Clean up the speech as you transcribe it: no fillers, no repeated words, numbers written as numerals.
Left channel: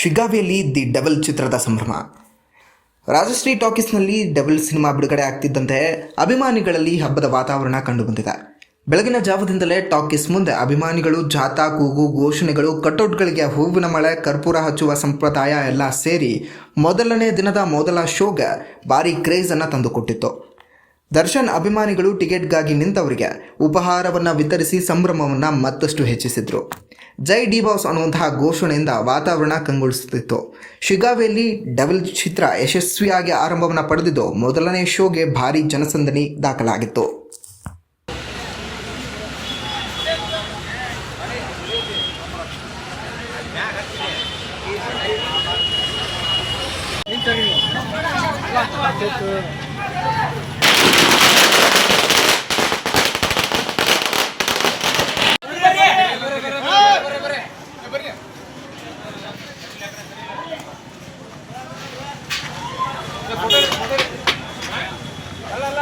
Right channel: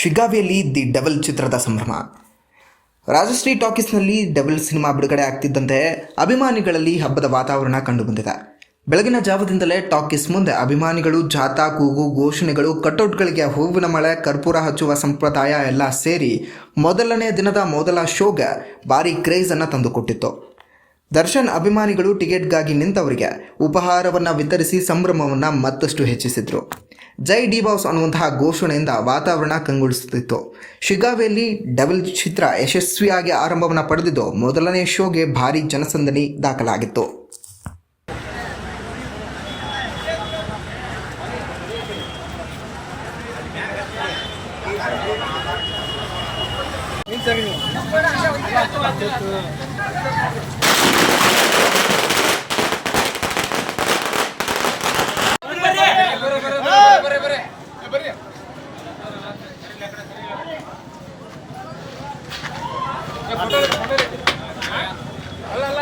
ಶಿಗ್ಗಾವಿಯಲ್ಲಿ the devil ಚಿತ್ರದ ಸಂಭ್ರಮ. Rajashree ಟಾಕೀಸ್ನಲ್ಲಿ devil cinema ಬಿಡುಗಡೆ ಆಗ್ತಿದ್ದಂತೆ ಅಭಿಮಾನಿಗಳಲ್ಲಿ ಹಬ್ಬದ ವಾತಾವರಣ ಕಂಡುಬಂದಿದೆ. ಬೆಳಗಿನ ಜಾವದಿಂದಲೇ ಟಾಕೀಸ್ ಮುಂದೆ ಅಭಿಮಾನಿಗಳು ಜಾಥಾ, ಕೂಗು, ಘೋಷಣೆಗಳು, ಕಟೌಟ್ಗಳಿಗೆ ಹೂವಿನ ಮಳೆ, ಕರ್ಪೂರ ಹಚ್ಚುವ ಸಂಪ್ರದಾಯ ಎಲ್ಲ ಸೇರಿ ಮೊದಲನೇ ದಿನದ ಮೊದಲ ಶೋಗೆ ಭಾರೀ ಕ್ರೇಜನ್ನು ತಂದುಕೊಟ್ಟಿತ್ತು. ದರ್ಶನ್ ಅಭಿಮಾನಿಗಳು ಟಿಕೆಟ್ಗಾಗಿ ನಿಂತವರಿಗೆ ಉಪಹಾರವನ್ನು ವಿತರಿಸಿ ಸಂಭ್ರಮವನ್ನು ಮತ್ತಷ್ಟು ಹೆಚ್ಚಿಸಿದರು. ಜೈ ಡಿ ಬಾಸ್ ಅನ್ನುವಂತಹ ಘೋಷಣೆಯಿಂದ ವಾತಾವರಣ ಕಂಗೊಳಿಸುತ್ತಿತ್ತು. ಶಿಗ್ಗಾವಿಯಲ್ಲಿ ಡೆವಲ್ ಚಿತ್ರ ಯಶಸ್ವಿಯಾಗಿ ಆರಂಭವನ್ನು ಪಡೆದಿದ್ದು ಮೊದಲನೇ ಶೋಗೆ ಭಾರೀ ಜನಸಂದಣಿ ದಾಖಲಾಗಿತ್ತು. ಅಲ್ಲ